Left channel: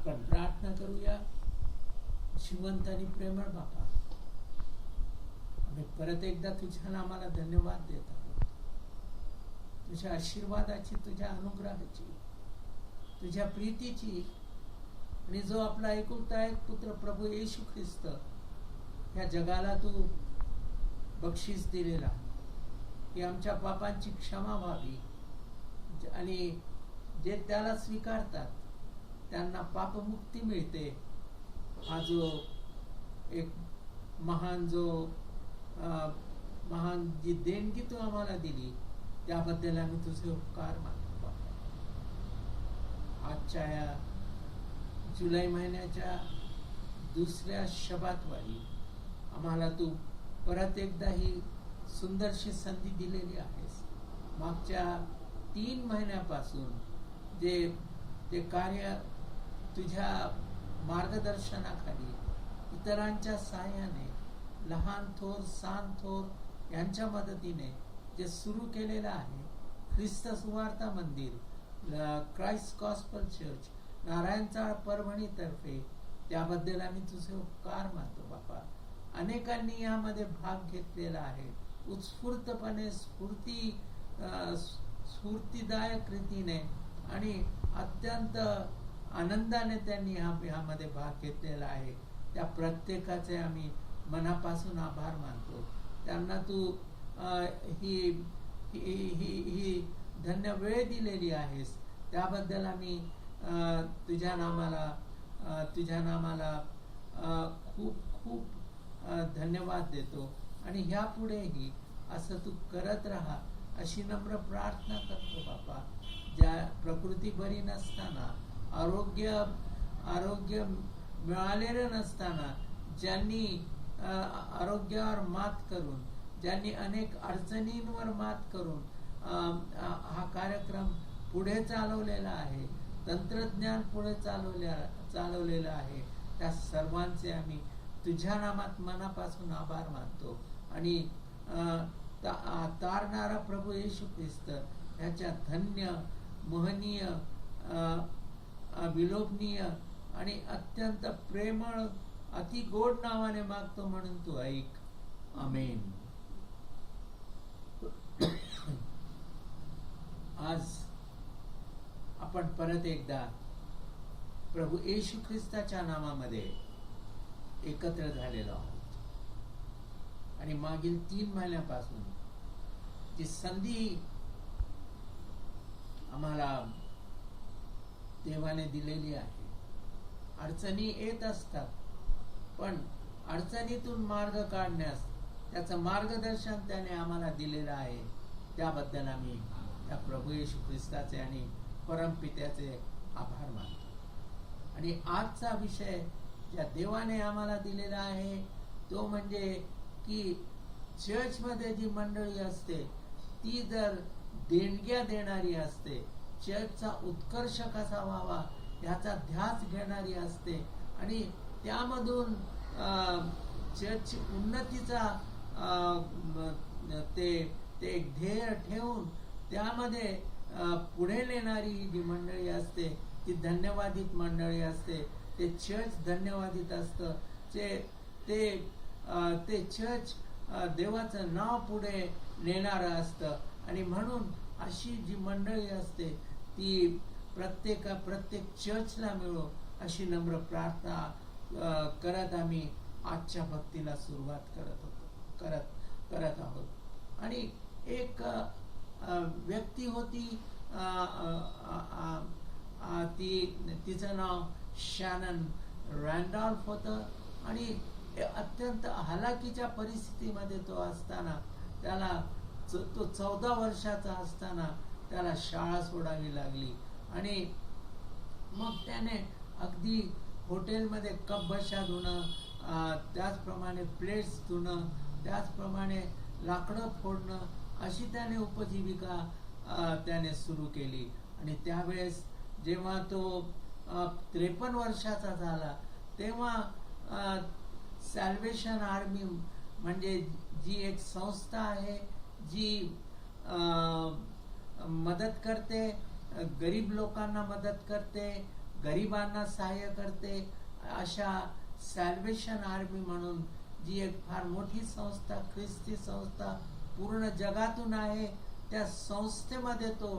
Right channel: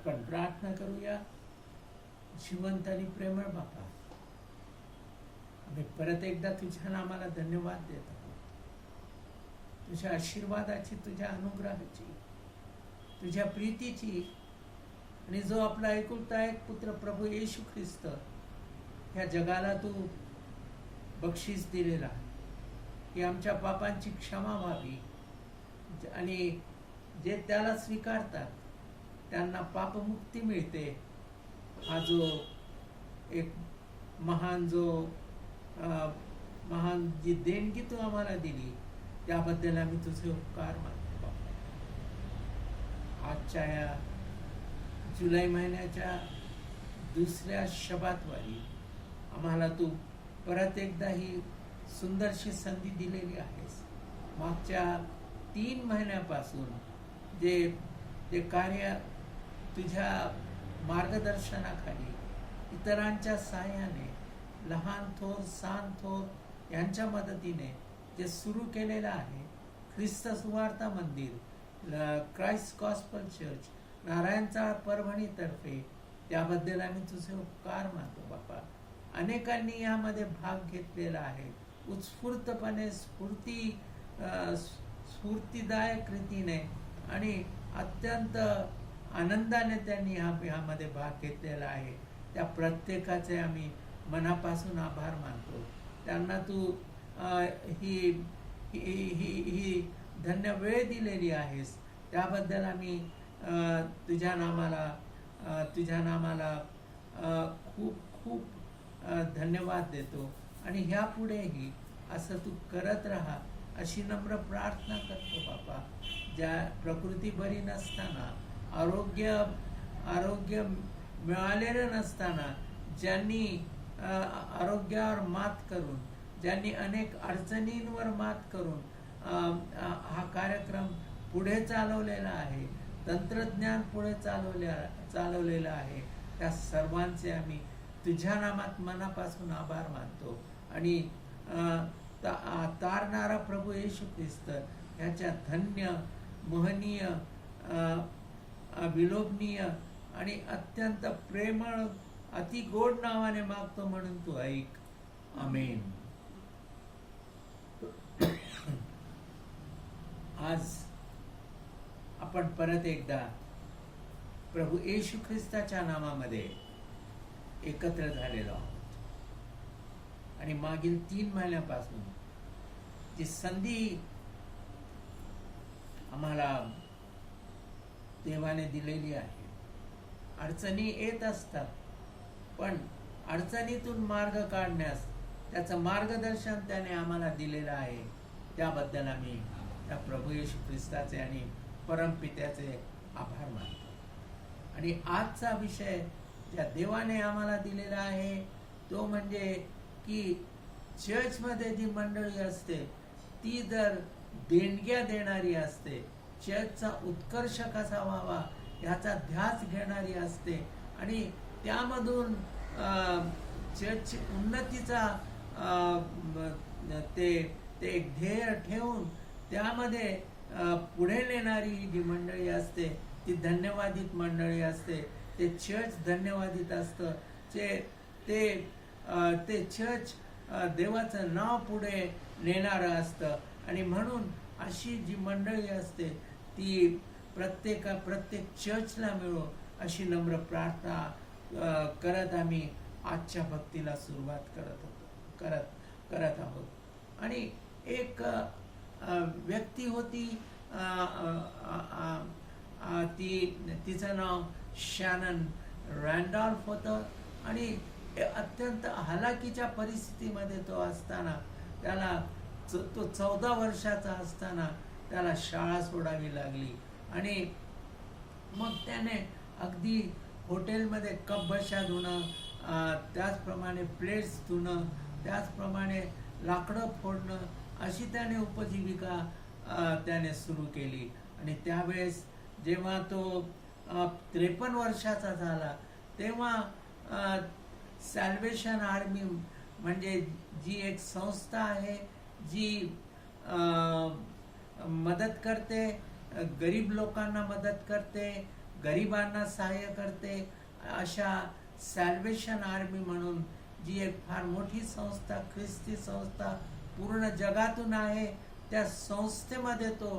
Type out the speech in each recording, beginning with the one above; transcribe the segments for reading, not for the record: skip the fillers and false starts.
आपण प्रार्थना करूया. जिवंत आणि प्रेमळ बापा, आम्ही परत एकदा तुझ्या नामाला धन्यवाद देत आहोत. तुझ्या आशीर्वादाची, तुझ्या अनुग्रहाची, तुझ्या प्रीतीची, आणि जो आपला एकुलता एक पुत्र प्रभू येशू ख्रिस्त ह्या जगाला तू बक्षीस दिलेला, की आमच्या पापांची क्षमा व्हावी आणि जे त्याला स्वीकारतात त्यांना पापमुक्ती मिळते. हा जो एक महान जी देणगी तू आम्हाला दिली त्याबद्दल आम्ही तुझे उपकार मानतो बाबा. आजच्या या जुलै महिन्याच्या दुसऱ्या शबातवारी आम्हाला तू परत एकदा ही सुंदरशी संधी दिलेली आहेस. मागच्या 3 महिन्यापासून जे कार्य तुझ्या मार्गदर्शनाखाली इतरांच्या साहाय्याने, लहान थोर सान थोर यांच्या मदतीने जे सुरू केलेलं आहे, ख्रिस्त सुवार्ता मंदिर, क्राइस्ट गॉस्पल चर्च, नारायणचाळ परभणीतर्फे, त्याबद्दल आम्ही तुझे उपकार मानतो बापा. अनेकांनी यामध्ये भाग घेतलेला आहे. उत्स्फूर्तपणे, स्फूर्तिदायक रीतीने आणि अत्यंत आनंदाने त्यांनी ह्यामध्ये भाग घेतलेला आहे. त्या प्रत्येकाचे आम्ही मनापासून आभार मानतो. त्यांना तू ही धन्य वेळ दिलेली आहेस, त्याबद्दल आम्ही तुझ्या नामाला खूप खूप धन्यवाद देतो. आणि ह्यापुढेही असं तू करत राहा अशी नम्र प्रार्थना करतो बापा. ज्या प्रकृती बरी नसताना, आरोग्य मिळालेलं नसताना, ज्यांनी आरोग्यावर मात करून, ज्यांनी अनेक अडचणींवर मात करून हा कार्यक्रम पुढे चालवलेला आहे, तंत्रज्ञान पुढे चालवलेलं आहे, त्या सर्वांचे आम्ही तुझ्या नामात मनापासून आभार मानतो. आणि तारणारा प्रभू येशू ख्रिस्त ह्याच्या धन्य, महनीय, विलोभनीय आणि अत्यंत प्रेमळ, अति गोड नावाने मागतो म्हणून तू ऐक. आमेन. आज आपण परत एकदा प्रभू येशू ख्रिस्ताच्या नामामध्ये एकत्र झालेलो आहोत. आणि मागील 3 महिन्यापासून जी संधी आम्हाला देवाने दिलेली आहे, अडचणी येत असतात, पण अडचणीतून मार्ग काढण्यास त्याचं मार्गदर्शन त्याने आम्हाला दिलेलं आहे. त्याबद्दल आम्ही त्या प्रभू येशू ख्रिस्ताचे आणि परमपित्याचे आभार मानतो. आणि आजचा विषय ज्या देवाने आम्हाला दिलेला आहे तो म्हणजे की चर्चमध्ये जी मंडळी असते ती जर देणग्या देणारी असते, चर्चचा उत्कर्ष कसा व्हावा याचा ध्यास घेणारी असते, आणि त्यामधून चर्चची उन्नतीचा ते एक ध्येय ठेवून त्यामध्ये पुढे नेणारी जी मंडळी असते ती धन्यवादित मंडळी असते. ते चर्च धन्यवादित असतं. ते चर्च देवाचं नाव पुढे नेणारं असतं. आणि म्हणून अशी जी मंडळी असते ती प्रत्येक चर्चला मिळो अशी नम्र प्रार्थना करत आम्ही आजच्या भक्तीला सुरुवात करत आहोत. आणि एक व्यक्ती होती, तिचं नाव शॅनन रॅन्डॉल्फ होतं. आणि अत्यंत हलाखीच्या परिस्थितीमध्ये तो असताना, तो 14 वर्षाचा असताना त्याला शाळा सोडावी लागली. आणि मग त्याने अगदी हॉटेलमध्ये कप बशा धुणं, त्याचप्रमाणे प्लेट्स धुणं, त्याचप्रमाणे लाकडं फोडणं, अशी त्याने उपजीविका त्याने सुरू केली. आणि त्यावेळेस जेव्हा तो 53 वर्षाचा झाला तेव्हा सॅल्वेशन आर्मी म्हणजे जी एक संस्था आहे जी मदत करते, गरीब लोकांना मदत करते, गरिबांना सहाय्य करते, अशा सॅल्वेशन आर्मी म्हणून जी एक फार मोठी संस्था, ख्रिस्ती संस्था पूर्ण जगातून आहे, त्या संस्थेमध्ये तो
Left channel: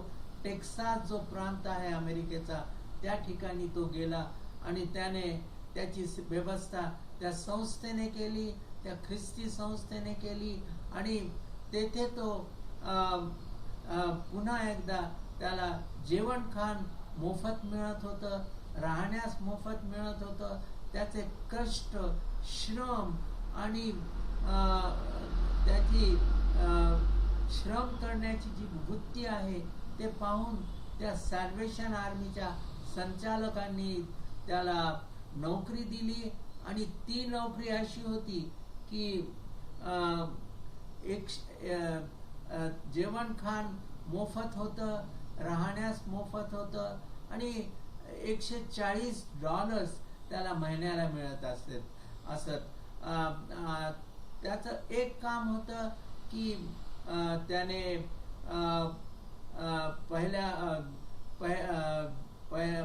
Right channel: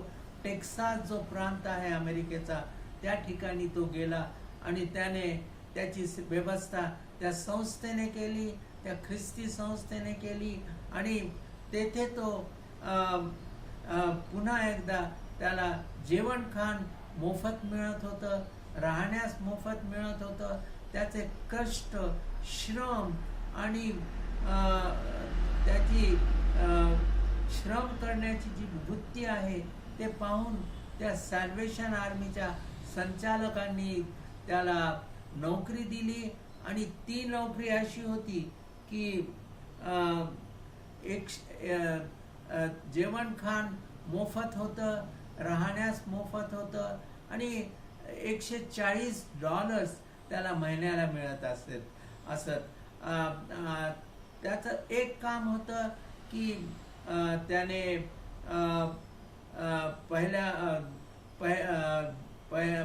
टेक्सास जो प्रांत आहे अमेरिकेचा, त्या ठिकाणी तो गेला आणि त्याने त्याची व्यवस्था त्या संस्थेने केली, त्या ख्रिस्ती संस्थेने केली आणि तेथे तो पुन्हा एकदा त्याला जेवण खाण मोफत मिळत होतं, राहण्यास मोफत मिळत होतं. त्याचे कष्ट, श्रम आणि त्याची श्रम करण्याची जी वृत्ती आहे ते पाहून त्या सॅल्वेशन आर्मीच्या संचालकांनी त्याला नोकरी दिली आणि ती नोकरी अशी होती की जेवण खाण मोफत होतं, राहण्यास मोफत होतं आणि $140 त्याला महिन्याला मिळत असत. त्याचं एक काम होतं की त्याने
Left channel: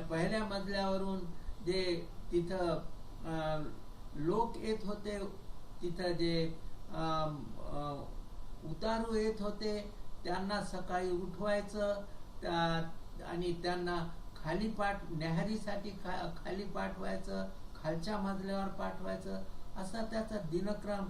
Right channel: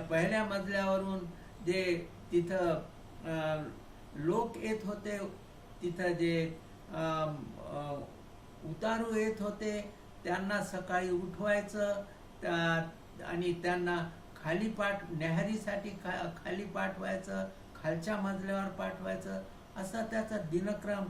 पहिल्या मजल्यावरून जे तिथं लोक येत होते, तिथं जे उतारू येत होते त्यांना सकाळी उठवायचं आणि त्यांना न्याहारीसाठी खाली पाठवायचं, खालच्या मजल्यावर पाठवायचं. असा त्याचा दिनक्रम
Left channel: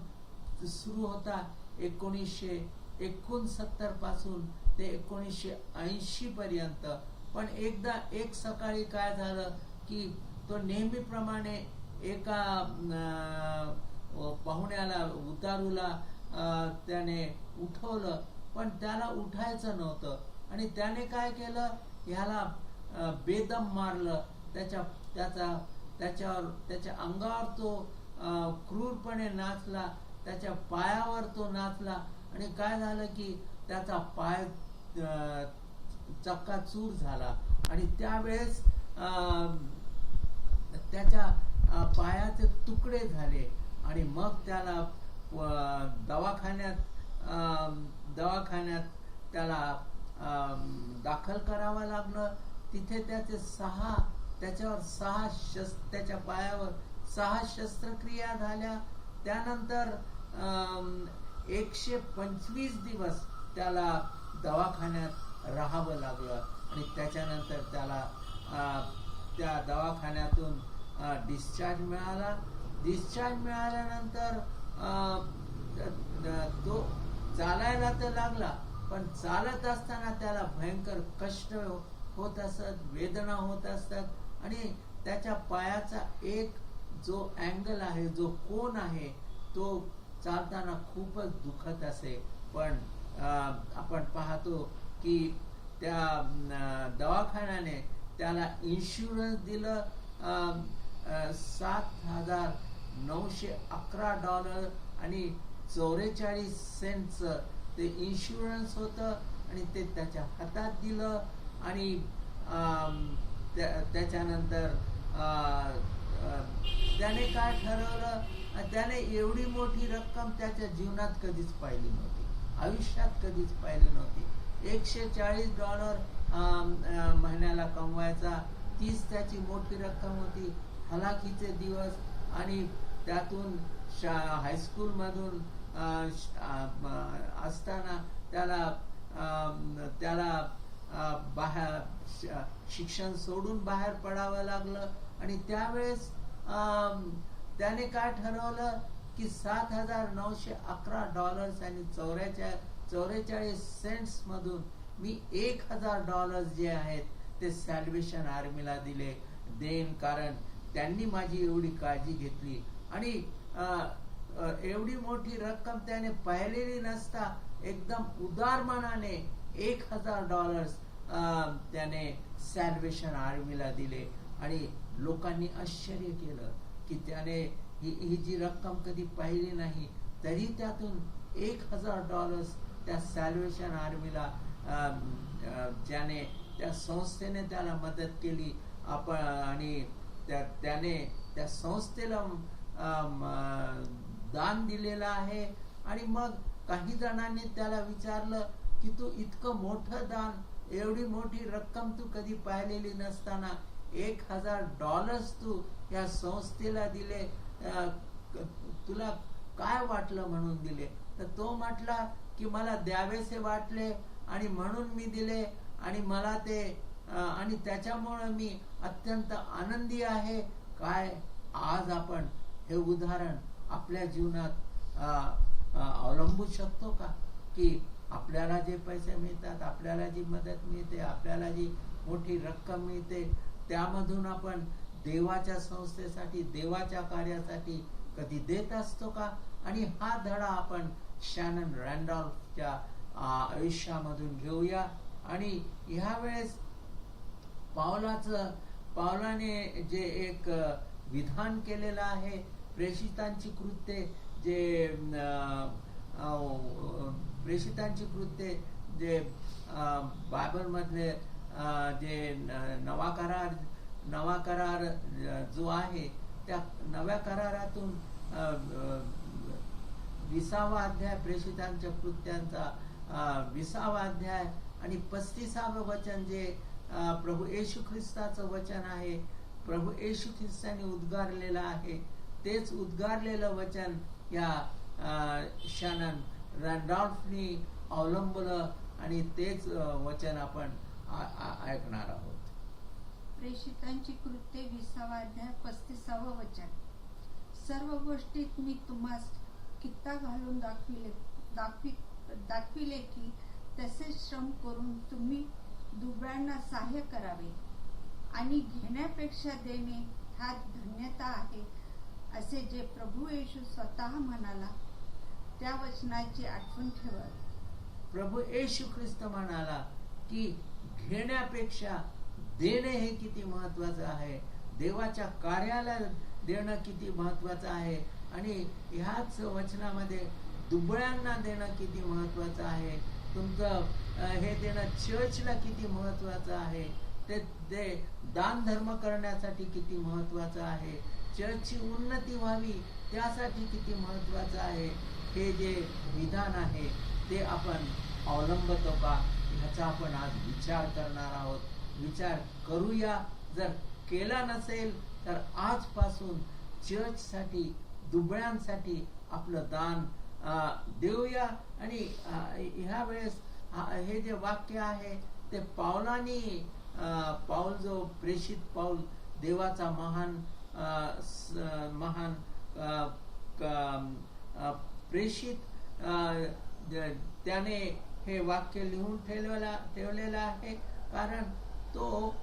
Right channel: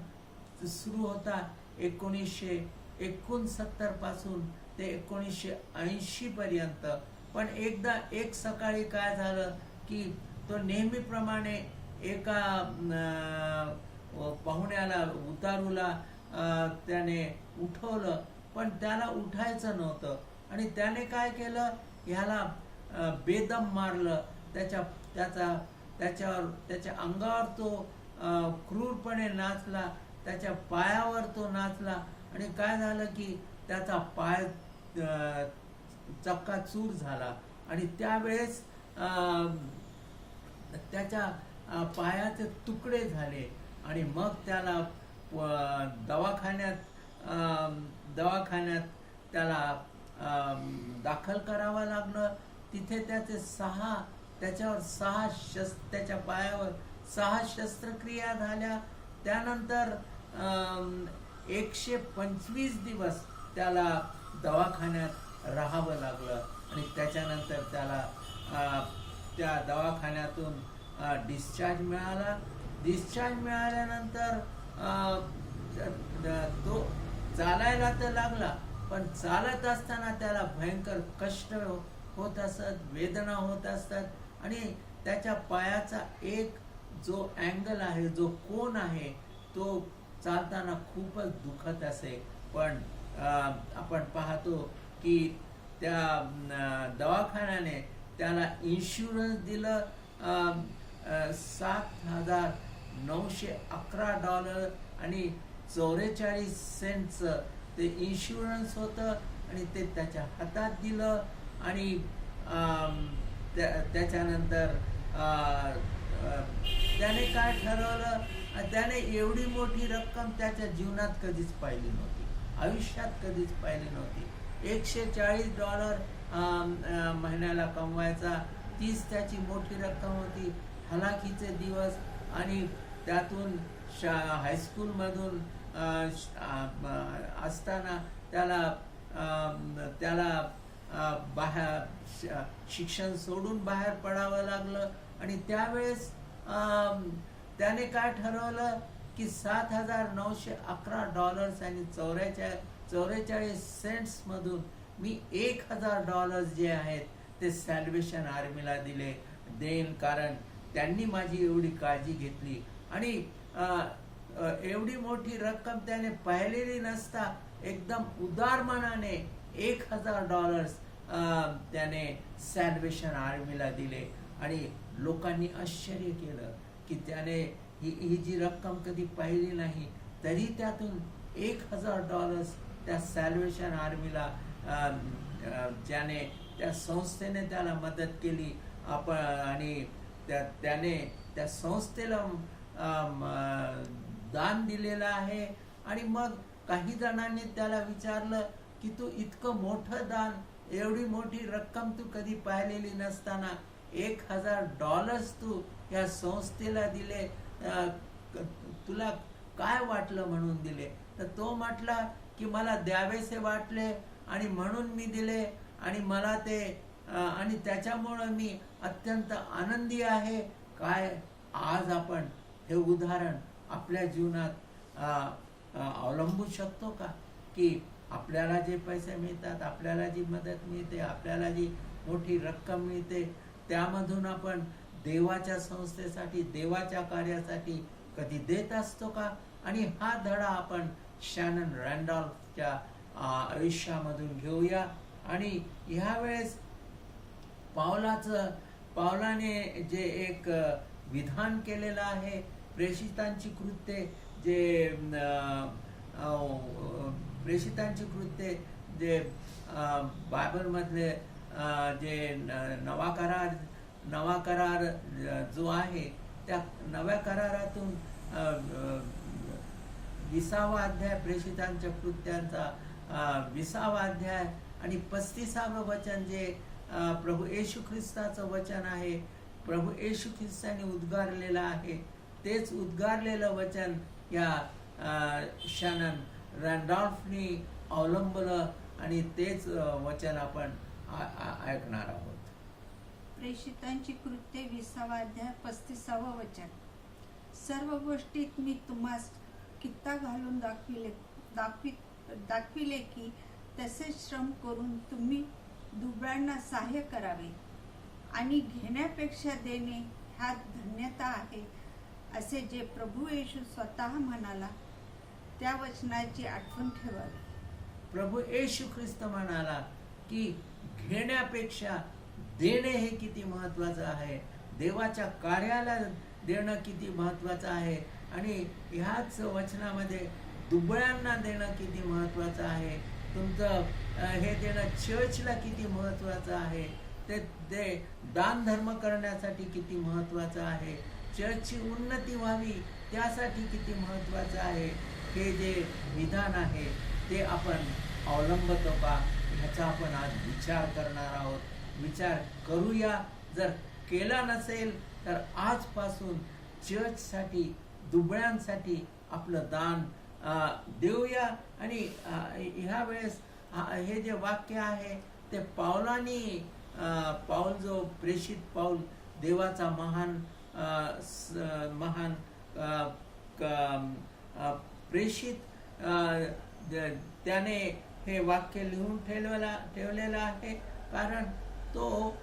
सुरू होता 1969 पासून ते 1980 पर्यंत. पण एकदा एक सकाळी काय झालं की तो नेहमीप्रमाणे एका पाहुण्याला, उतारूला त्याने उठवलं, पण त्याला उठायचं नव्हतं आणि त्याने काय केलं, ह्याला बेदम मारलं. त्याच्या अंगावर तो क्रूरपणे नाचला, त्याच्या पायावर तो नाचला आणि काय झालं की त्याचा पाय चक्काचूर झाला आणि त्यावेळेस त्याच्या पायाचे तुकडे झाले आणि मग त्याला दवाखान्यात त्याला दाखल करावं लागलं. तिथे त्याच्या पायावर 6 शस्त्रक्रिया झाल्या. त्यानंतर 125 दिवस त्याला दवाखान्यात राहावं लागलं आणि त्याच्यानंतर त्याला त्या दवाखान्यातून डिस्चार्ज मिळाला. डिस्चार्ज मिळाल्यानंतर तो चालायला तर लागला, पण चालत असताना त्याला भयंकर कष्ट होत असत, वेदना होत असतात आणि त्याच्या पायाचा एक जो अँगल आहे, जो कोन आहे, तो चालताना खूपच दुखत असे. पण आपण पाहतो की त्या दवाखान्याने त्याला इन्शुरन्स दिलं. $7,911 आणि 44 सेंटचं ते इन्शुरन्स होतं आणि ते त्याच्या हातात दिलं आणि त्याच्यानंतर त्याने काय ठरवलं, त्याने एवढी मोठी रक्कम त्याच्या जीवनात कधीच पाहिली नव्हती, आयुष्यात कधीच पाहिली नव्हती. $140 महिन्याला कमवायचा, तीच त्याची मोठी रक्कम होती. हलाखीचे दिवस आणि त्यातून हायस्कूलमधून असताना त्याला बाहेर शिक्षण सोडून बाहेर पडावं लागलं आणि त्यावेळेस त्याने काय ठरवलं की $7,911 आणि 44 सेंट्स मधून मी $1,000 जे आहेत ते सॅल्वेशन आर्मीला देईन, कारण त्यांनी माझी एवढी काळजी घेतली. आणि एवढी मोठी रक्कम त्याने पाहिलेली नसता एकदम उदार मनाने $1,000 त्याने सॅल्वेशन आर्मीला दिले आणि लोकांनी आश्चर्य केलं की त्याने ही जी रक्कम कधी पाहिली नाही, तरी त्यातून $1,000 त्या सॅल्वेशन आर्मीला ज्याने त्या संस्थेने त्याला मदत केली आणि त्याने त्या संस्थेला दान दिलेलं आहे. आणि मग काही जणांनी त्याला विचारलं की तू इतकं मोठं दान, एवढी मोठी रक्कम तू कधी पाहिलेली नसताना $1000 तू या संस्थेला दिले, तुला काय वाटलं म्हणून दिले? तर तो म्हटला की मला द्यावेसे वाटले आणि म्हणून मी दिले, आणि मला ते आणि त्याच्यामुळे मी अत्यंत आनंदी आहे. काय आज आपण हे उदाहरण आपल्या जीवनात अवलंबू शकतो का? की आपल्याला जे पैसे मिळतात, आपल्याला जी मदत मिळते, आपल्याला जी मोठी रक्कम मिळते, त्यामधून आपण देवाच्या संस्थेसाठी, देवाच्या कार्यासाठी कधी देत असतो का? आणि हा धडा आपण शॅनन रॅन्डॉल्फच्या आयुष्यामधून घेऊया. आणि ह्या वेळेस पावलाने जे एक विधान केलेलं आहे, प्रेषितांची कृत्ये जे बायबल मधले जे नवा करार जो आहे, त्या नव्या करारातून 20वा अध्याय, प्रेषितांच्या कृत्यांचा 20वा अध्याय आणि 35वं वचन जे प्रभू येशू ख्रिस्ताचं वचन आहे, प्रभू येशू ख्रिस्ताने उद्गारलेलं आहे, तेच उद्गारलेलं वचन या शॅनन रॅन्डॉल्फनी अवलंबलं आणि तेच वचन आपण ऐकणार आहोत. प्रेषितांची कृत्ये 20वा अध्याय 35वं वचन. सर्व गोष्टीत मी तुम्हास कित्ता घालून दाखविले की तसेच श्रम करून तुम्ही दुबळ्यांना सहाय्य करावे आणि घेण्यापेक्षा देणे ह्यात धन्यता आहे, असे जे प्रभू येशू स्वतः म्हणाला, त्या वचनाची आठवण ठेवावी. प्रभू येशू ख्रिस्त म्हणाला की घेण्यापेक्षा देणे हे किती महत्वाचं आहे, देवाच्या कार्याला देणं किती महत्वाचं आहे, आणि ह्याच वचनामध्ये दुबळ्यांना देणं किती महत्वाचं आहे, तुमचं हे देणं चर्चला किती महत्वाचं आहे, ते दान धर्म करण्यासाठी किती महत्वाचं आहे, चर्चची उन्नती व्हावी त्यासाठी किती महत्वाचं आहे, हे जे विधान आहे ते आपण अवलंबतो का, ह्याचा आपण आज विचार करणार आहोत. विचार करूया. जर केला नसेल तर आजपासून चर्चसाठी, दुबळ्यांसाठी आपलं दान देऊया. आणि ह्या वेळेस हे जे वाक्य आहे ते पाऊल जो प्रेषित पाऊल, देवाचा महान प्रेषित, त्याने हे वाक्य लिहून ठेवलेलं आहे, कारण तो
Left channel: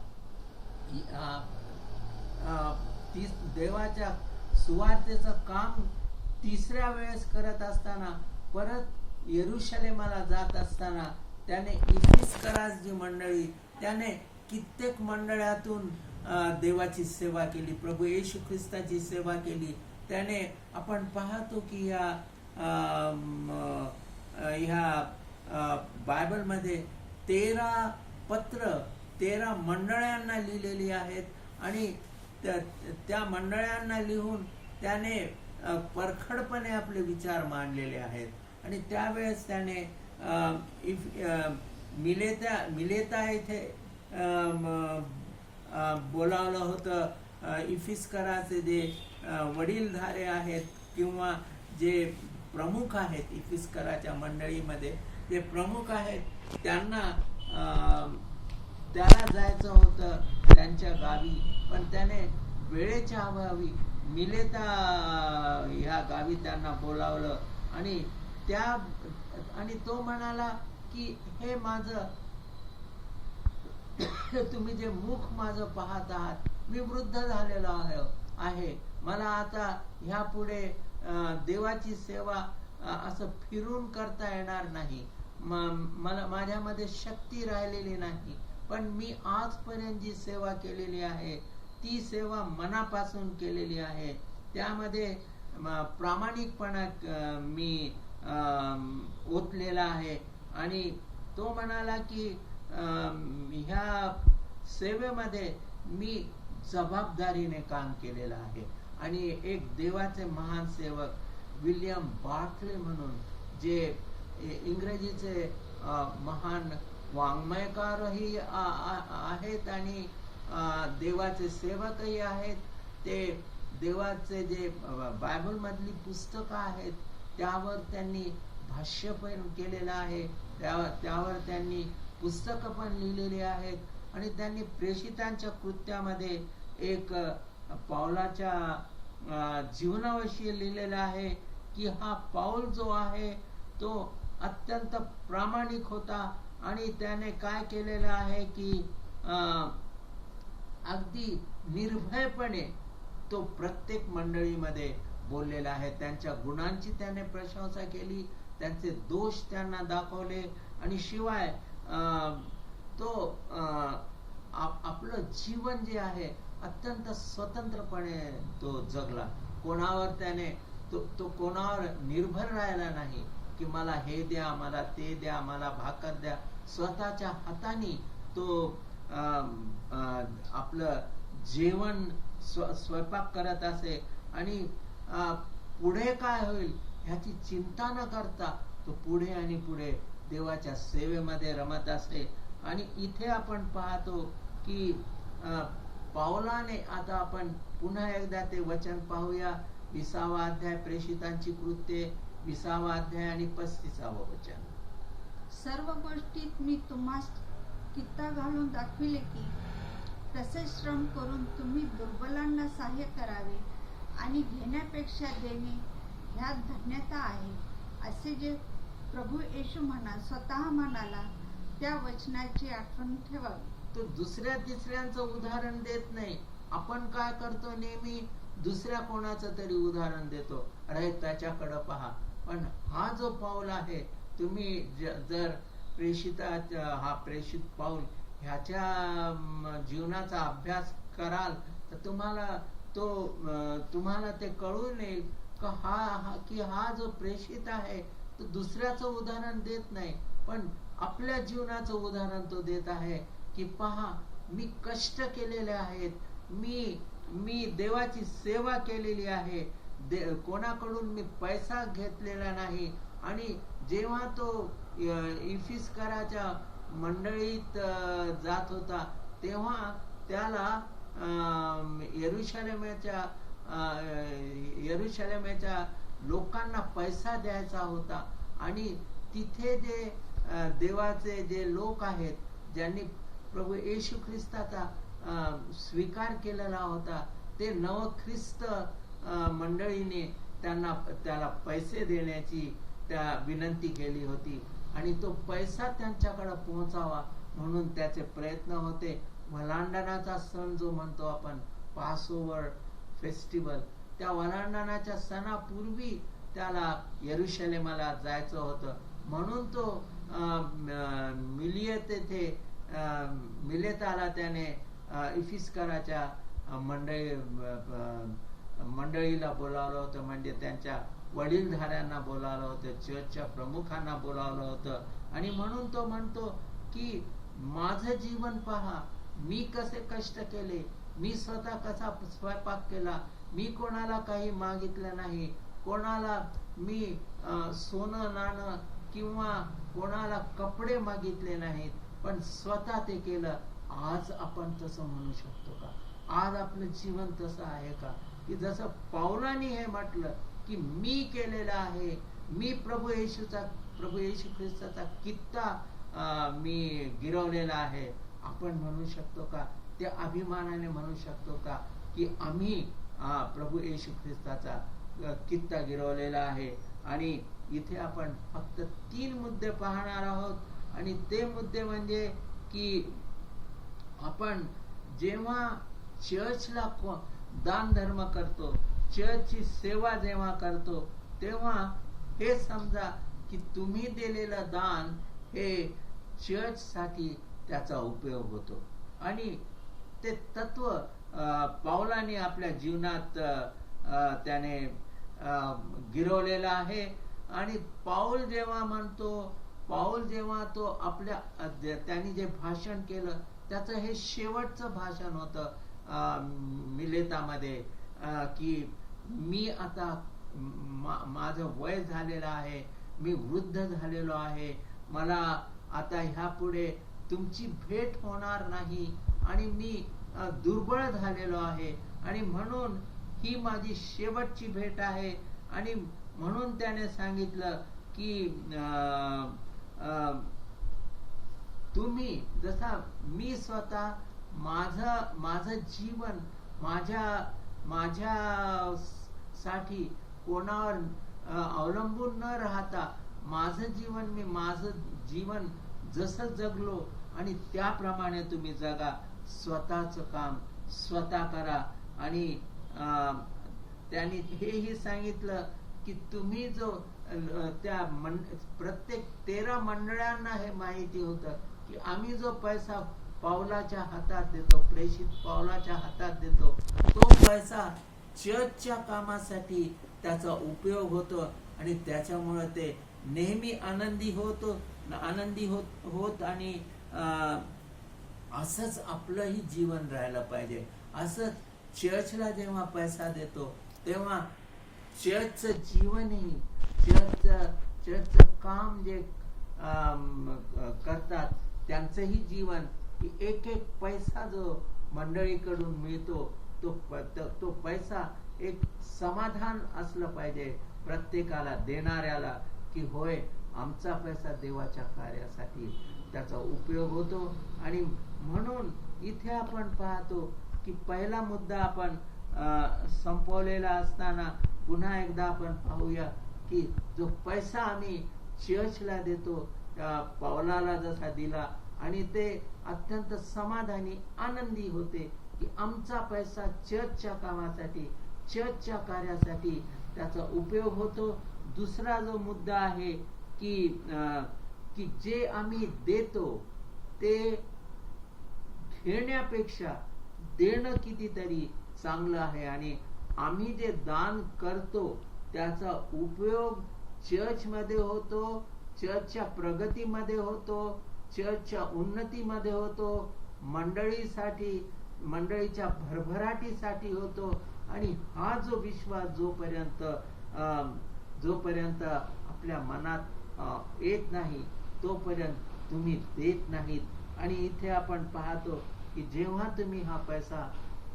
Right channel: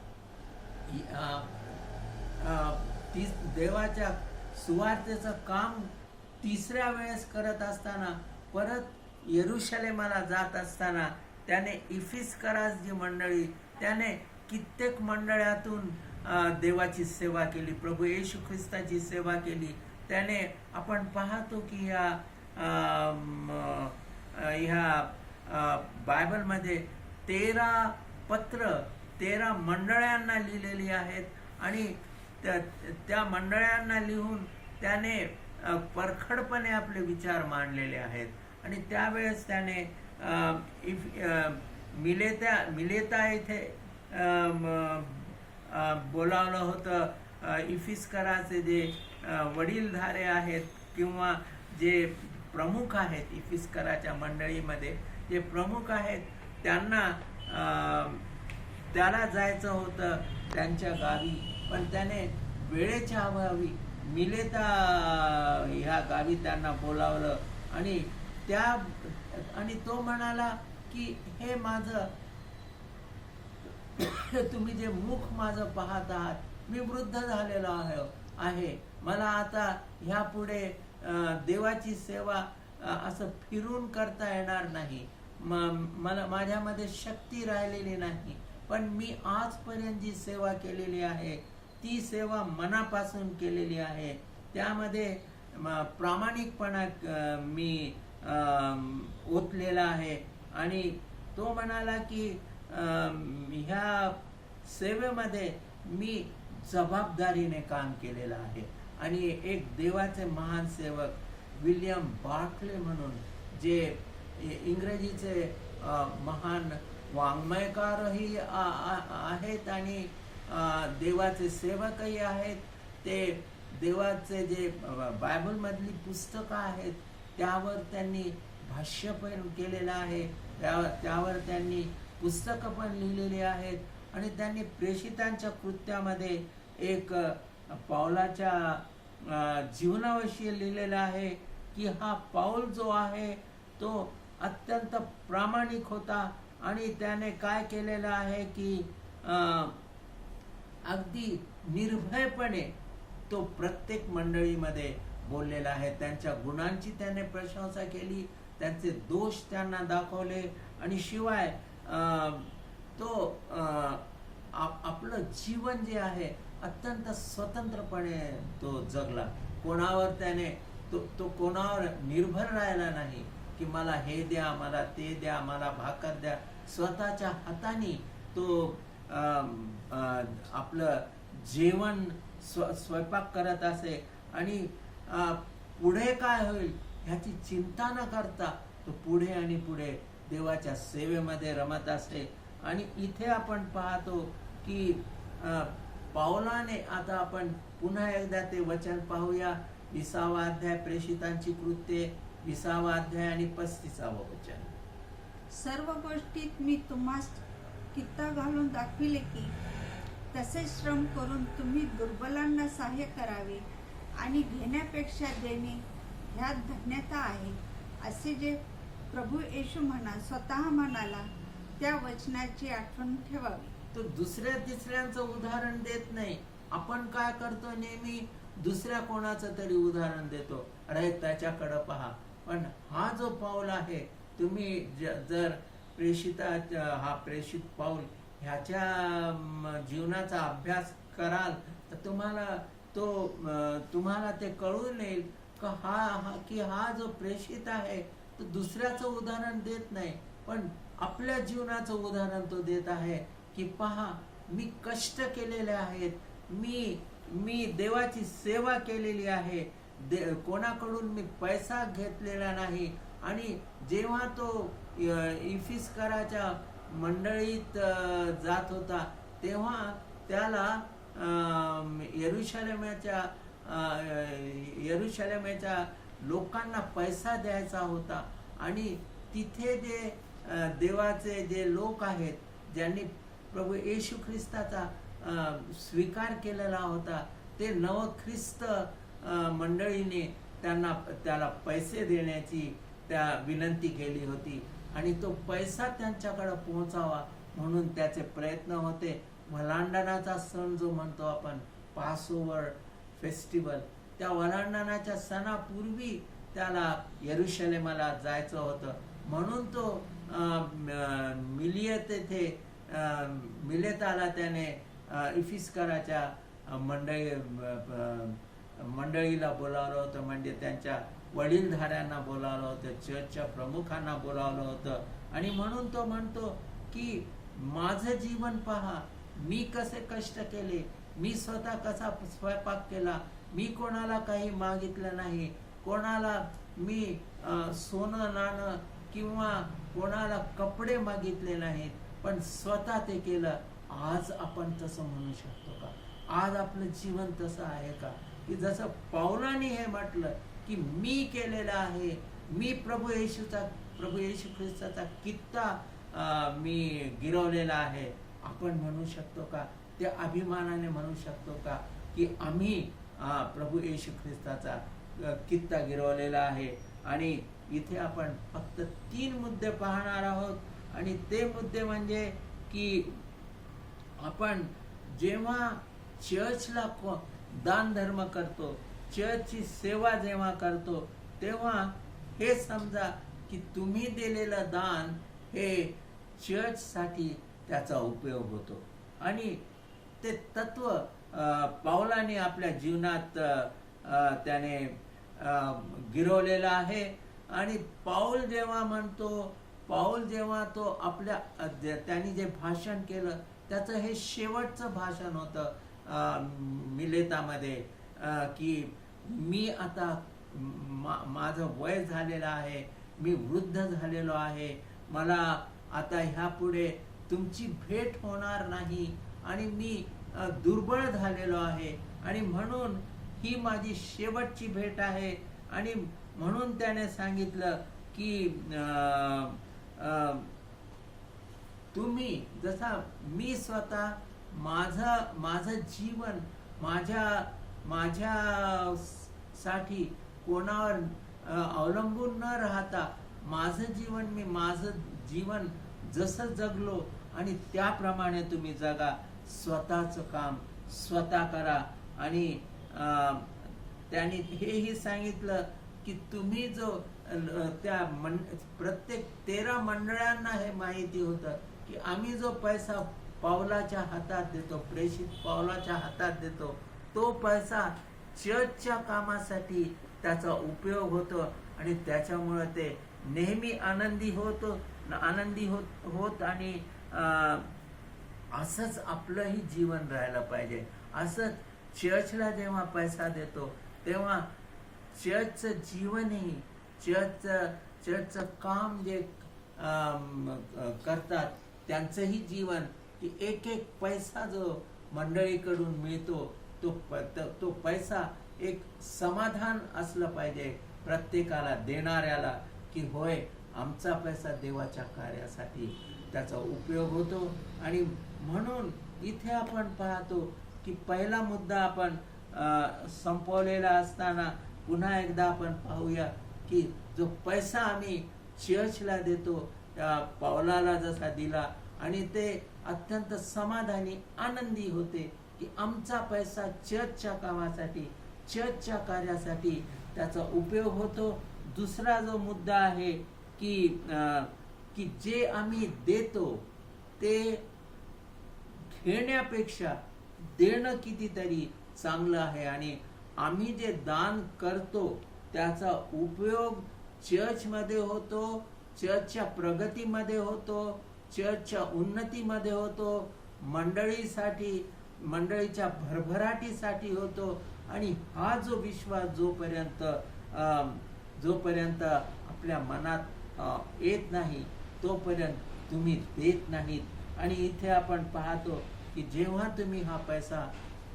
देवाच्या सुवार्तेचं काम 3ऱ्या वेळेस करत असताना, परत यरुशलेमाला जात असताना त्याने इफिस्करास जी मंडळी, त्याने कित्येक मंडळातून देवाची सेवा केली, प्रभू येशू ख्रिस्ताची सेवा केली. त्याने आपण पाहतो की ह्या बायबलमध्ये 13 पत्र 13 मंडळांना लिहिलेली आहेत, आणि त्या मंडळांना लिहून त्याने परखडपणे आपले विचार मांडलेले आहेत. आणि त्यावेळेस त्याने मिलेता इथे बोलावलं होतं. इफिस्कराचे जे वडीलधारे आहेत किंवा जे प्रमुख आहेत, इफिस्कराच्या मंडळीमध्ये जे प्रमुख आहेत, त्याला जायचं होतं त्यांच्या गावी, पण त्याने वेळेच्या अभावी मिलेता ह्या गावी त्यांना बोलावलं. आणि तो म्हणाला की हे माझं, तुम्ही जे मुख माझं पाहत आहात, मी वृद्ध झालेलो आहे, मला आता ह्या पुढे देवाची सेवा असं फिरून करता येणार नाही, मला माझ्यामध्ये शक्ती राहिलेली नाही, पण मी आजपर्यंत जी सेवा केलेली आहे ती सेवा मनापासून केलेली आहे, त्यामध्ये प्रामाणिकपणा मी ओतलेला आहे. आणि तो म्हणाला की ह्या सेवेमध्ये मी जबाबदारीने काम केलेलं आहे. आणि एक देवाचे महान सेवक विल्यम बार्टले म्हणून, जे इंग्रजीचे महान वाङ्मयकारही आहेत आणि देवाचे सेवकही आहेत, ते देवाचे जे बायबलमधली पुस्तकं आहेत त्यावर त्यांनी भाष्य पण केलेलं आहे, त्यावर त्यांनी पुस्तकं पण लिहिलेली आहेत आणि त्यांनी प्रेषितांच्या कृत्यामध्ये एक पाऊलाच्या जीवनाविषयी लिहिलेलं आहे की हा पाऊल जो आहे तो अत्यंत प्रामाणिक होता आणि त्याने काय केलेलं आहे की अगदी निर्भयपणे तो प्रत्येक मंडळीमध्ये बोललेला आहे. त्यांच्या गुणांची त्याने प्रशंसा केली, त्यांचे दोष त्यांना दाखवले आणि शिवाय तो आपलं जीवन जे आहे अत्यंत स्वतंत्रपणे तो जगला. कोणावर त्याने तो कोणावर निर्भर राहिला नाही की मला हे द्या, मला ते द्या, मला भाकर द्या. स्वतःच्या हाताने तो आपलं जेवण स्वयंपाक करत असे आणि पुढे काय होईल ह्याची चिंता न करता तो पुढे आणि पुढे देवाच्या सेवेमध्ये रमत असे. आणि इथे आपण पाहतो की पाऊलाने, आता आपण पुन्हा एकदा ते वचन पाहूया, 20वा अध्याय प्रेषितांची कृत्ये, 20वा अध्याय आणि 35वा वचन. सर्व गोष्टीत मी तुम्हास कित्ता घालून दाखविले की तसे श्रम करून तुम्ही दुर्बलांना सहाय्य करावे आणि घेण्यापेक्षा देणे ह्यात धन्यता आहे, असे जे प्रभू येशू स्वतः म्हणाला, त्या वचनाची आठवण ठेवावी. तो दुसऱ्या तिसऱ्यांचं उदाहरण देत नाही. आपण काय करतो, नेहमी दुसऱ्या कोणाचं तरी उदाहरण देतो, अरे त्याच्याकडे पहा. पण हा जो पाऊल आहे, तुम्ही जर हा प्रेषित पाऊल ह्याच्या जीवनाचा अभ्यास कराल तर तुम्हाला ते कळून येईल की हा जो प्रेषित आहे तो दुसऱ्याचं उदाहरण देत नाही, पण आपल्या जीवनाचं उदाहरण तो देत आहे की पहा, मी कष्ट केलेले आहेत, मी देवाची सेवा केलेली आहे, कोणाकडून मी पैसा घेतलेला नाही. आणि जेव्हा तो इफिस्कराच्या मंडळीत जात होता तेव्हा त्याला यरुशलेमेच्या लोकांना पैसा द्यायचा होता आणि तिथे जे देवाचे जे लोक आहेत, ज्यांनी प्रभू येशू ख्रिस्ताचा स्वीकार केलेला होता, ते नवख्रिस्त मंडळीने त्याला पैसे देण्याची त्या विनंती केली होती आणि तो पैसा त्यांच्याकडे पोहोचावा म्हणून त्याचे प्रयत्न होते. वलांडणाचा सण जो म्हणतो आपण, पासओव्हर फेस्टिवल, त्या वलांडणाच्या सणापूर्वी त्याला यरुशलेमाला जायचं होतं, म्हणून तो मिलेताला त्याने इफिस्कराच्या मंडळीला बोलावलं होतं, म्हणजे त्यांच्या वडीलधाऱ्यांना बोलावलं होतं, चर्चच्या प्रमुखांना बोलावलं होतं. आणि म्हणून तो म्हणतो की माझं जीवन पहा, मी कसे कष्ट केले, मी स्वतः कसा स्वयंपाक केला, मी कोणाला काही मागितलं नाही, कोणाला मी सोनं नाणं किंवा कोणाला कपडे मागितले नाहीत, पण स्वतः ते केलं. आज आपण तसं म्हणू शकतो का? आज आपलं जीवन तसं आहे का की जसं पाऊलाने हे म्हटलं की मी केलेलं आहे, मी प्रभू येशू ख्रिस्ताचा कित्ता मी गिरवलेला आहे. आपण म्हणू शकतो का? ते अभिमानाने म्हणू शकतो का की आम्ही प्रभू येशू ख्रिस्ताचा कित्ता गिरवलेला आहे? आणि इथे आपण फक्त 3 मुद्दे पाहणार आहोत आणि ते मुद्दे म्हणजे की आपण जेव्हा चर्चला दान धर्म करतो, चर्चची सेवा जेव्हा करतो, तेव्हा हे समजा की तुम्ही दिलेलं दान हे चर्चसाठी त्याचा उपयोग होतो. आणि ते तत्व पाऊलाने आपल्या जीवनात त्याने गिरवलेलं आहे. आणि पाऊल जेव्हा तो आपल्या त्यांनी जे भाषण केलं त्याचं हे शेवटचं भाषण होतं मिलेतामध्ये, की मी आता माझं वय झालेलं आहे, मी वृद्ध झालेलो आहे, मला आता ह्या पुढे तुमची भेट होणार नाही आणि मी दुर्बळ झालेलो आहे आणि म्हणून ही माझी शेवटची भेट आहे. आणि म्हणून त्याने सांगितलं की तुम्ही जसा मी स्वतः माझं जीवन माझ्या साठी कोणावर अवलंबून न राहता माझं जीवन जसं जगलो आणि त्याप्रमाणे तुम्ही जगा. स्वतःचं काम स्वतः करा. आणि त्यांनी हेही सांगितलं की तुम्ही जो प्रत्येक 13 मंडळांना हे माहिती होतं की आम्ही जो पैसा पावलाच्या हातात देतो, प्रेषित पावलाच्या हातात देतो, तो पैसा चर्चच्या कामासाठी त्याचा उपयोग होतो आणि त्याच्यामुळे ते नेहमी आनंदी होत आणि असंच आपलंही जीवन राहायला पाहिजे. असंच चर्चला जेव्हा पैसा देतो तेव्हा चर्चचं जीवनही चर्चचं काम जे करतात त्यांचंही जीवन, की एक पैसा जो मंडळीकडून मिळतो तो पैसा एक समाधान असलं पाहिजे प्रत्येकाला देणाऱ्याला, की होय आमचा पैसा देवाच्या कार्यासाठी त्याचा उपयोग होतो. आणि म्हणून इथे आपण पाहतो की पहिला मुद्दा आपण संपवलेला असताना पुन्हा एकदा आपण पाहूया की जो पैसा आम्ही चर्चला देतो, त्या पावलाला जसा दिला आणि ते अत्यंत समाधानी आनंदी होते की आमचा पैसा चर्चच्या कामासाठी चर्चच्या कार्यासाठी त्याचा उपयोग होतो. दुसरा जो मुद्दा आहे की जे आम्ही देतो ते घेण्यापेक्षा देणं कितीतरी चांगलं आहे. आणि आम्ही जे दान करतो त्याचा उपयोग चर्चमध्ये होतो, चर्चच्या प्रगतीमध्ये होतो, चर्चच्या उन्नतीमध्ये होतो, मंडळीच्या भरभराटीसाठी होतो. आणि हा जो विश्वास जोपर्यंत आपल्या मनात येत नाही तोपर्यंत तुम्ही देत नाहीत. आणि इथे आपण पाहतो की जेव्हा तुम्ही हा पैसा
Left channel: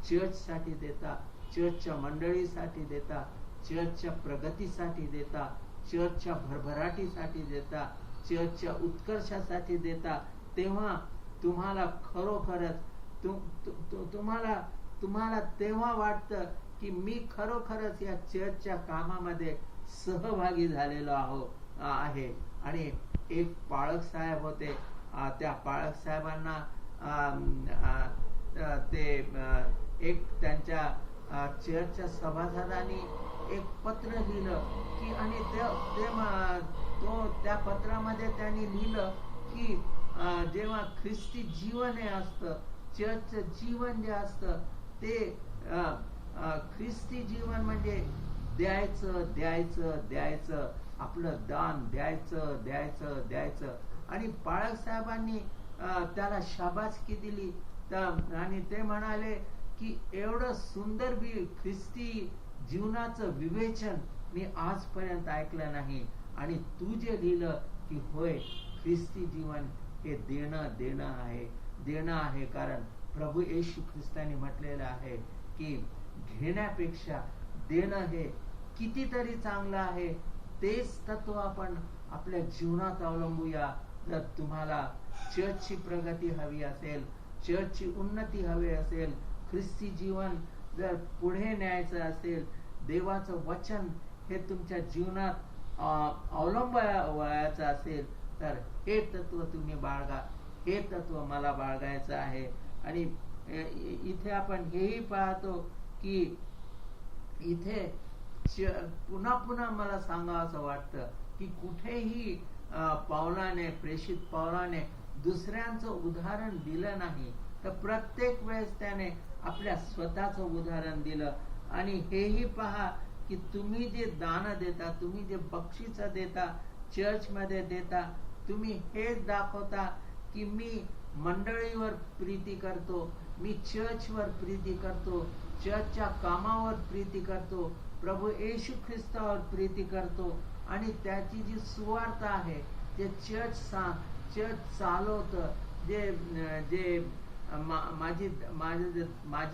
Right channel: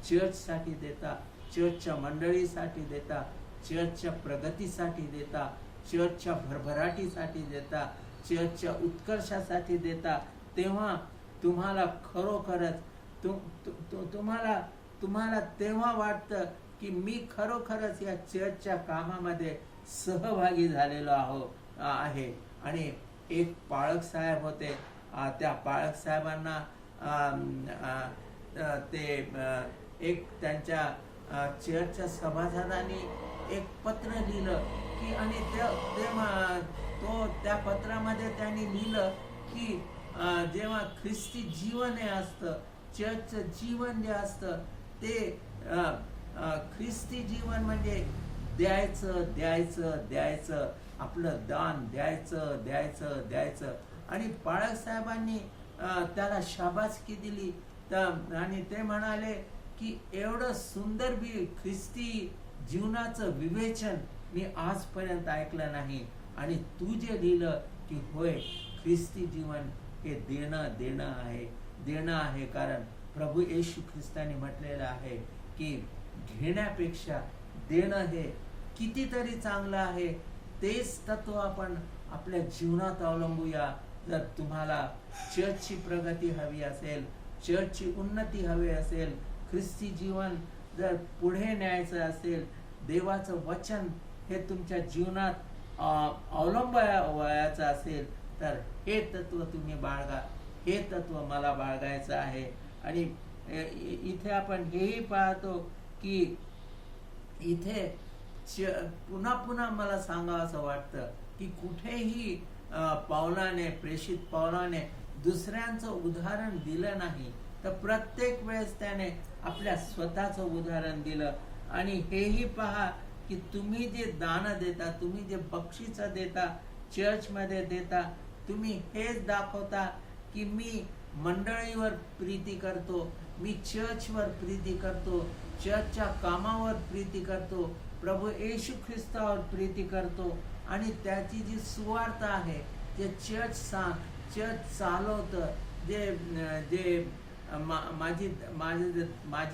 चर्चसाठी देता, चर्चच्या मंडळीसाठी देता, चर्चच्या प्रगतीसाठी देता, चर्चच्या भरभराटीसाठी देता, चर्चच्या उत्कर्षासाठी देता, तेव्हा तुम्हाला खरोखरच तुम्हाला तेव्हा वाटतं की मी खरोखरच या चर्चच्या कामामध्ये सहभागी झालेलो आहे. आणि एक पाळक साहेब होते, त्या पाळक साहेबांना एक त्यांच्या चर्चच्या सभासदांनी एक पत्र लिहिलं की, आणि त्या पत्रामध्ये त्यांनी लिहिलं की जेव्हा ख्रिस्ती जीवन हे असतं, चर्चचं जीवन जे असतं ते ख्रिस्ती जीवन म्हणजे द्यायचं, आपलं दान द्यायचं. आणि बाळक साहेबांनी त्याला शाबासकी दिली आणि ते म्हणाले की एवढं सुंदर ख्रिस्ती जीवनाचं विवेचन मी आजपर्यंत ऐकलं नाही. आणि तू जे लिहिलं की होय ख्रिस्ती जीवन हे देणं आहे, कारण प्रभू येशू ख्रिस्ताने म्हटलेलं आहे की घेण्यापेक्षा देणं हे कितीतरी चांगलं आहे. तेच तत्व आपण आपल्या जीवनात अवलंबूया. जर तुम्हाला चर्चची प्रगती हवी असेल, चर्चची उन्नती हवी असेल, ख्रिस्ती जीवन जर पुढे न्यायचं असेल, देवाचं वचन हे तुमच्या जीवनात अवलंबायचं असेल, तर हे तत्व तुम्ही बाळगा, हे तत्व मला बाळगायचं आहे. आणि इथे आपण हेही पाहतो की इथे पुन्हा मला सांगावं असं वाटतं की कुठेही प्रेषित पावलाने दुसऱ्यांचं उदाहरण दिलं नाही, तर प्रत्येक वेळेस त्याने आपल्या स्वतःचं उदाहरण दिलं. आणि हेही पहा की तुम्ही जे दान देता, तुम्ही जे बक्षीस देता, चर्चमध्ये देता, तुम्ही हेच दाखवता की मी मंडळीवर प्रीती करतो, मी चर्चवर प्रीती करतो, चर्चच्या कामावर प्रीती करतो, प्रभू येशू ख्रिस्तावर प्रीती करतो. आणि त्याची जी सुवार्ता आहे, जे चर्च चालवतं, जे माझी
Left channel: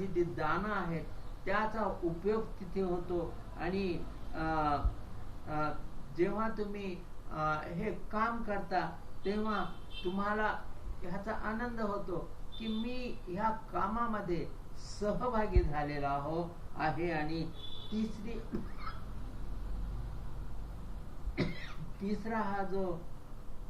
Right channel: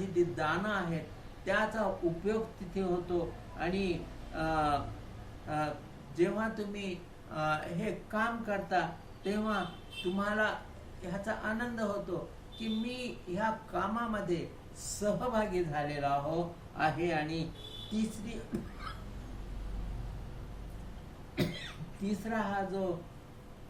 जी दानं आहेत त्याचा उपयोग तिथे होतो. आणि जेव्हा तुम्ही हे काम करता तेव्हा तुम्हाला ह्याचा आनंद होतो की मी ह्या कामामध्ये सहभागी झालेला आहे. आणि तिसरा हा जो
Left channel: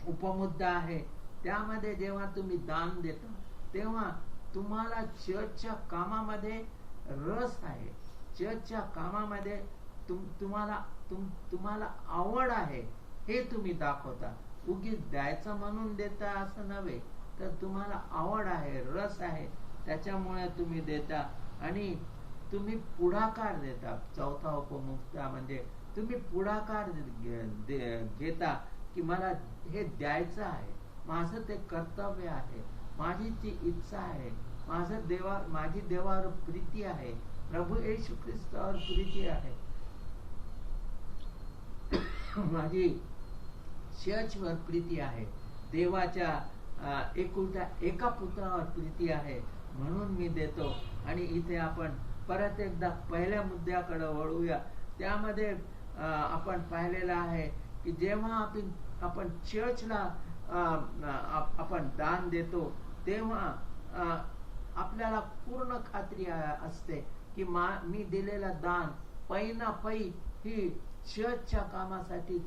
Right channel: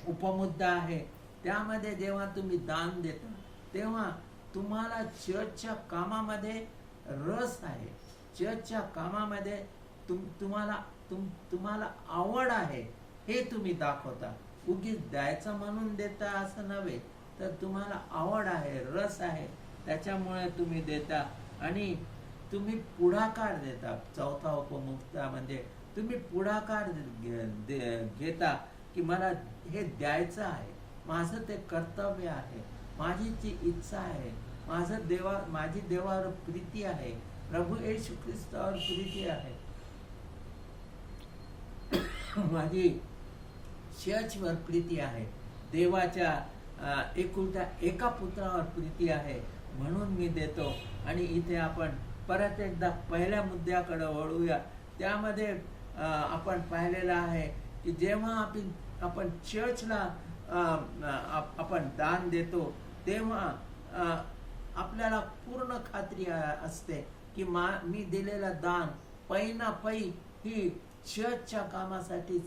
उपमुद्दा आहे त्यामध्ये जेव्हा तुम्ही दान देता तेव्हा तुम्हाला चर्चच्या कामामध्ये रस आहे, चर्चच्या कामामध्ये तुम्हाला आवड आहे हे तुम्ही दाखवता. उगीच द्यायचं म्हणून देता असं नव्हे, तर तुम्हाला आवड आहे, रस आहे, त्याच्यामुळे तुम्ही देता आणि तुम्ही पुढाकार देता. चौथा उपमुद्दा म्हणजे तुम्ही पुढाकार घेता की मला हे द्यायचं आहे, माझं ते कर्तव्य आहे, माझी ती इच्छा आहे, माझी देवावर प्रीती आहे, प्रभू येशू ख्रिस्तावर प्रीती आहे, माझी चर्चवर प्रीती आहे, देवाच्या एकुलत्या एका पुत्रावर प्रीती आहे, म्हणून मी देतो. आणि इथे आपण परत एकदा पहिल्या मुद्द्याकडे वळूया. त्यामध्ये आपण पाहिलेलं आहे की जेव्हा आपण चर्चला आपण दान देतो तेव्हा आपल्याला पूर्ण खात्री असते की मी दिलेलं दान पै ना पै ही चर्चच्या कामासाठी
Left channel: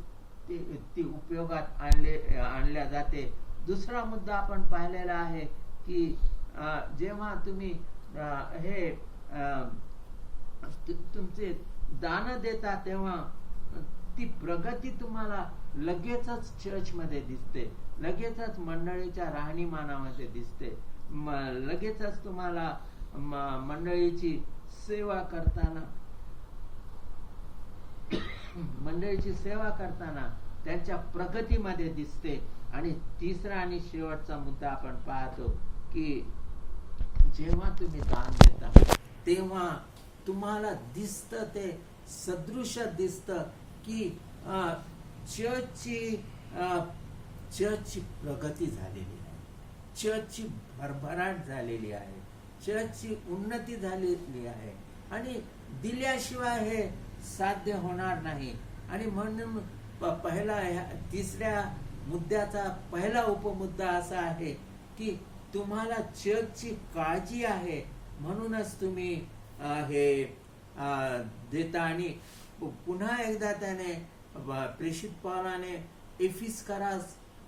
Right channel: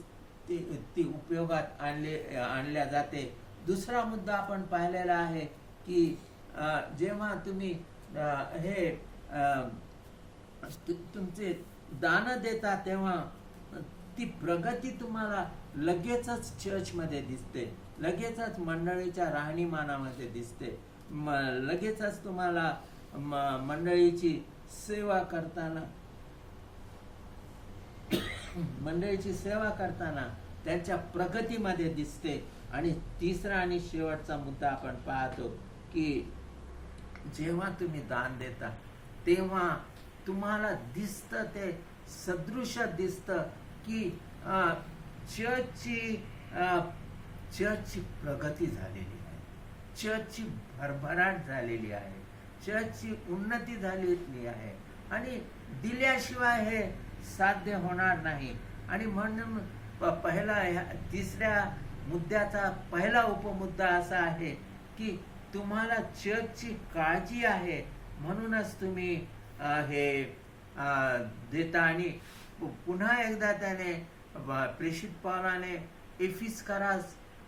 ती उपयोगात आणल्या जाते. दुसरा मुद्दा आपण पाहिलेला आहे की जेव्हा तुम्ही हे तुमचे दान देता तेव्हा ती प्रगती तुम्हाला लगेचच चर्चमध्ये दिसते, लगेचच मंडळीच्या राहणीमानामध्ये दिसते, लगेचच तुम्हाला मंडळीची सेवा करताना त्यांच्या प्रगतीमध्ये दिसते. आणि तिसरा आणि शेवटचा मुद्दा आपण पाहतो की जेव्हा तुम्ही दान देता तेव्हा तुम्हाला दिसतं, ते सदृश दिसतं की चर्चची प्रगती झालेली आहे, चर्चची भरभराट झालेली आहे, चर्चची उन्नती झालेली आहे. आणि दिल्याशिवाय हे साध्य होणार नाही. आणि म्हणून तिसऱ्या मुद्द्याचा पहिला उपमुद्दा असा आहे की तुम्हाला चर्चची काळजी आहे, म्हणूनच तुम्ही हे देता. आणि पुन्हा एकदा त्याने प्रेषित पौलाने एफिसकरा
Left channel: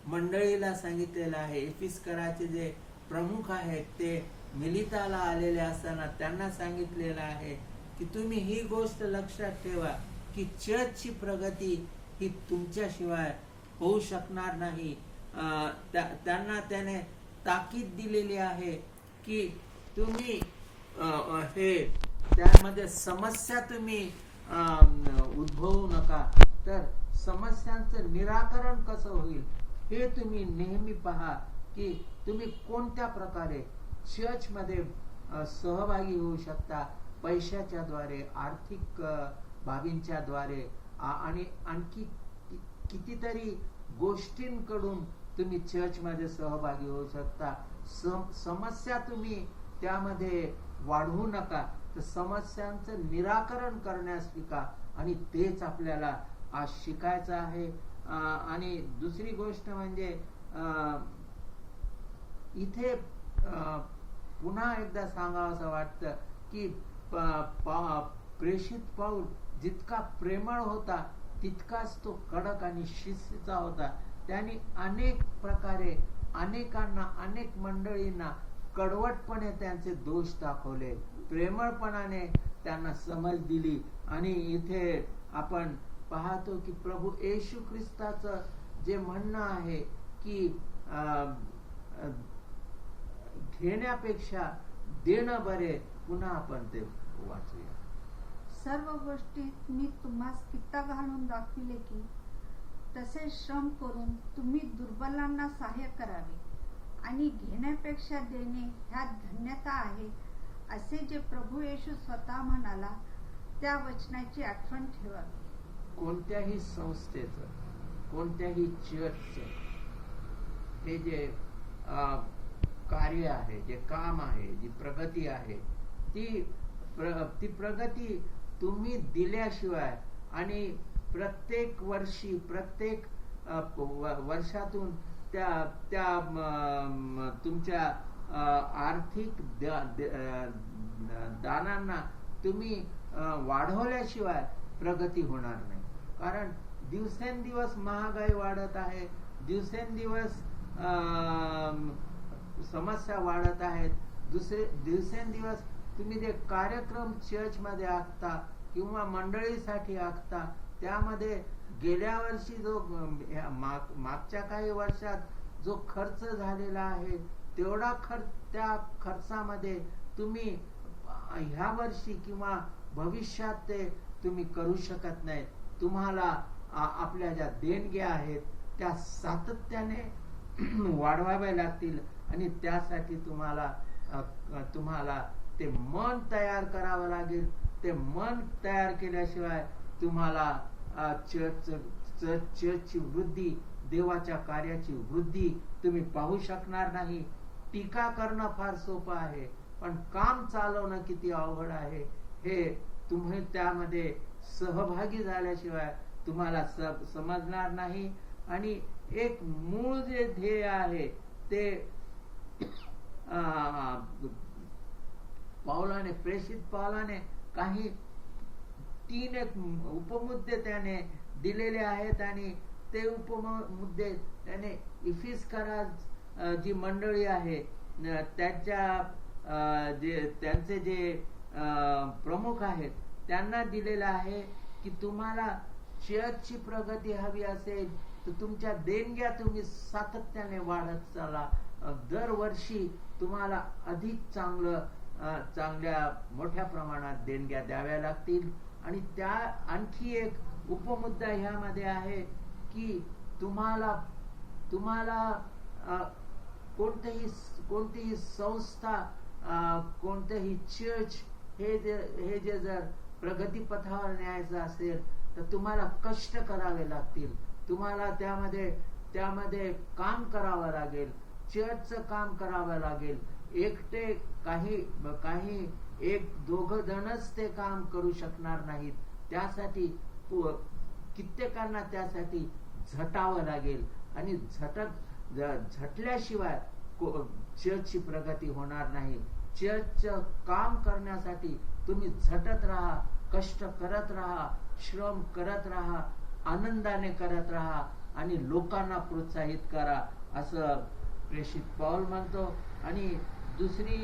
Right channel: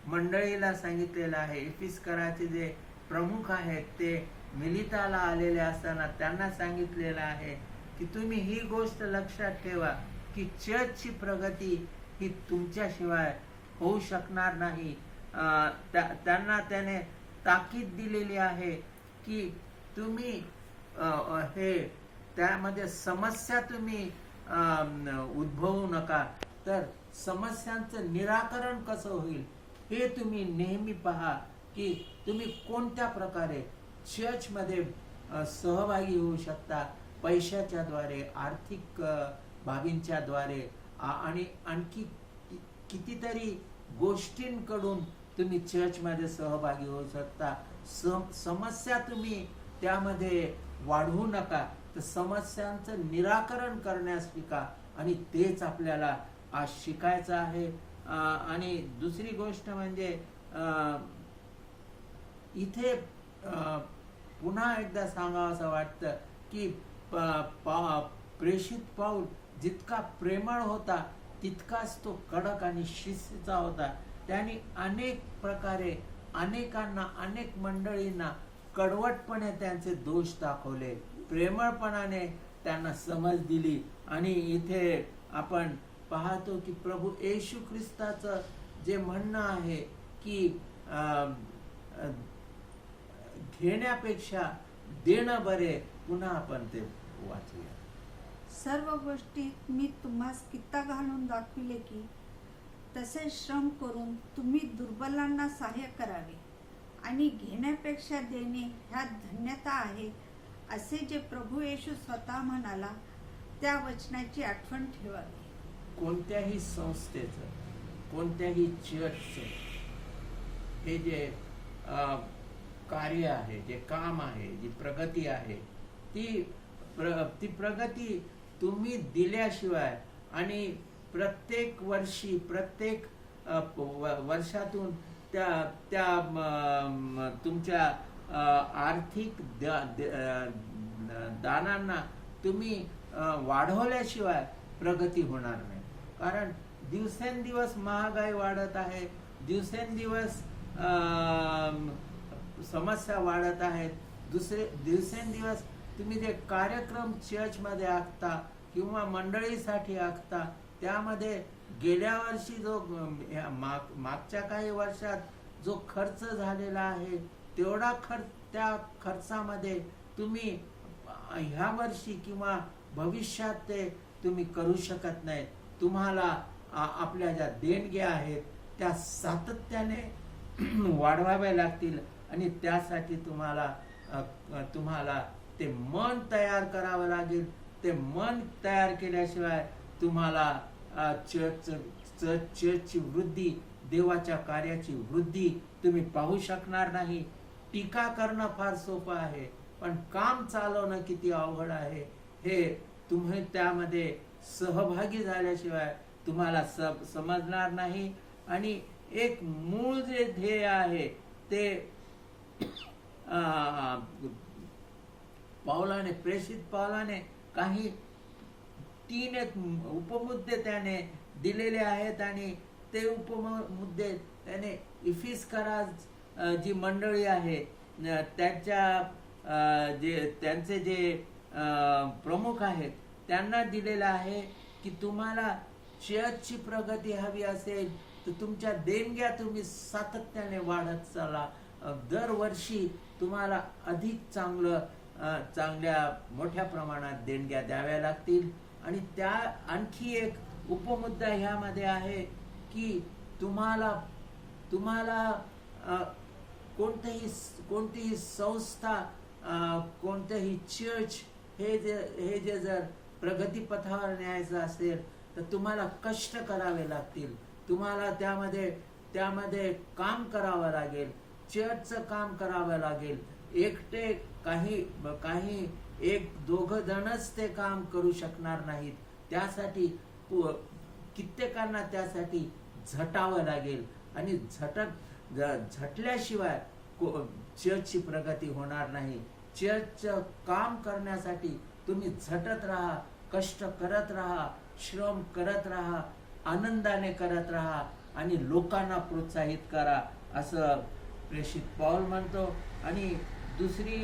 मंडळीला सांगितलेलं आहे. एफिसकराचे जे प्रमुख आहेत ते मिलिताला आलेले असताना त्यांना सांगितलेलं आहे की तुम्ही ही गोष्ट लक्षात ठेवा की चर्चची प्रगती ही तुमच्याशिवाय होऊ शकणार नाही. त्यांना त्याने ताकीद दिलेली आहे की तुम्ही हे त्यामध्ये समस्या तुम्ही उद्भवू नका, तर समस्यांचं निराकरण कसं होईल हे तुम्ही नेहमी पहा की तुम्ही कोणत्या प्रकारे चर्चमध्ये सहभागी होऊ शकता, पैशाच्या द्वारे, आर्थिक बाबींच्या द्वारे आणि आणखी कितीतरी गोष्टींकडून तुम्ही चर्चमध्ये सहभागी होऊ शकता. समस्या तुम्ही त्यामध्ये वाढवू नका, तर समस्यांचं निराकरण करण्यास शिका. आणि तेच आपल्याला आज शिकायचं आहे. आणि दुसरी गोष्ट म्हणजे इथे पुन्हा एकदा सांगावं असं वाटतं की प्रेषित पाऊल जितका प्रेमळ होता तितकाच तो कडक आणि शिस्तीचा होता. त्यांनी अनेक प्रकारे अनेकांना, अनेक मंडळींना कडवटपणे त्यांचे दोष दाखवले, प्रेमळपणाने त्यांना समज दिली. आणि इथे आपण पाहतो की प्रभू येशू ख्रिस्ताचं जे म्हणणं आहे की घेण्यापेक्षा देणं बरे, पुन्हा आपण ते वाचूया. सर्व गोष्टीत मी तुम्हास कित्ता घालून दाखविले की तसे श्रम करून तुम्ही दुर्बलांना सहाय्य करावे आणि घेण्यापेक्षा देणे ह्यात धन्यता आहे, असे जे प्रभू येशू स्वतः म्हणाला त्या वचनाची आठवण ठेवावी. कोणत्याही संस्थेचं, कोणत्याही चर्चचं हे जे कार्य आहे, जे काम आहे, जी प्रगती आहे, ती प्रगती तुम्ही दिल्याशिवाय आणि प्रत्येक वर्षी प्रत्येक वर्षातून त्या त्या तुमच्या आर्थिक दानांना तुम्ही वाढवल्याशिवाय प्रगती होणार नाही. कारण दिवसेंदिवस महागाई वाढत आहे, दिवसेंदिवस समस्या वाढत आहेत. दिवसेंदिवस तुम्ही जे कार्यक्रम चर्चमध्ये आखता किंवा मंडळीसाठी आखता, त्यामध्ये गेल्या वर्षी जो मागच्या काही वर्षात जो खर्च झालेला आहे तेवढा त्या खर्चामध्ये तुम्ही ह्या वर्षी किंवा भविष्यात ते तुम्ही करू शकत नाही. तुम्हाला आपल्या ज्या देणग्या आहेत त्या सातत्याने वाढवाव्या लागतील आणि त्यासाठी तुम्हाला ते मन तयार करावं लागेल. ते मन तयार केल्याशिवाय तुम्हाला चर्चची वृद्धी, देवाच्या कार्याची वृद्धी तुम्ही पाहू शकणार नाही. टीका करणं फार सोपं आहे, पण काम चालवणं किती अवघड आहे हे तुम्ही त्यामध्ये सहभागी झाल्याशिवाय तुम्हाला समजणार नाही. आणि एक मूळ जे ध्येय आहे ते प्रेषित पावलाने काही 3 एक उपमुद्दे त्याने दिलेले आहेत आणि ते उपमुद्दे त्याने इफिस्करा जी मंडळी आहे त्यांचे जे प्रमुख आहेत त्यांना दिलेलं आहे की तुम्हाला चर्चची प्रगती हवी असेल तर तुमच्या देणग्या तुम्ही सातत्याने वाढत चला. दरवर्षी तुम्हाला अधिक चांगल्या मोठ्या प्रमाणात देणग्या द्याव्या लागतील. आणि त्या आणखी एक उपमुद्दा ह्यामध्ये आहे की तुम्हाला कोणतीही संस्था, कोणतेही चर्च हे जे जर प्रगतीपथावर न्यायचं असेल तर तुम्हाला कष्ट करावे लागतील. तुम्हाला त्यामध्ये काम करावं लागेल, चर्चचं काम करावं लागेल. एकटे काही 1-2 जणच ते काम करू शकणार नाहीत. त्यासाठी कित्येकांना त्यासाठी झटावं लागेल आणि झटल्याशिवाय चर्चची प्रगती होणार नाही. चर्चचं काम करण्यासाठी तुम्ही झटत राहा, कष्ट करत राहा, श्रम करत राहा, आनंदाने करत राहा आणि लोकांना प्रोत्साहित करा असं प्रेषित पौल म्हणतो. आणि दुसरी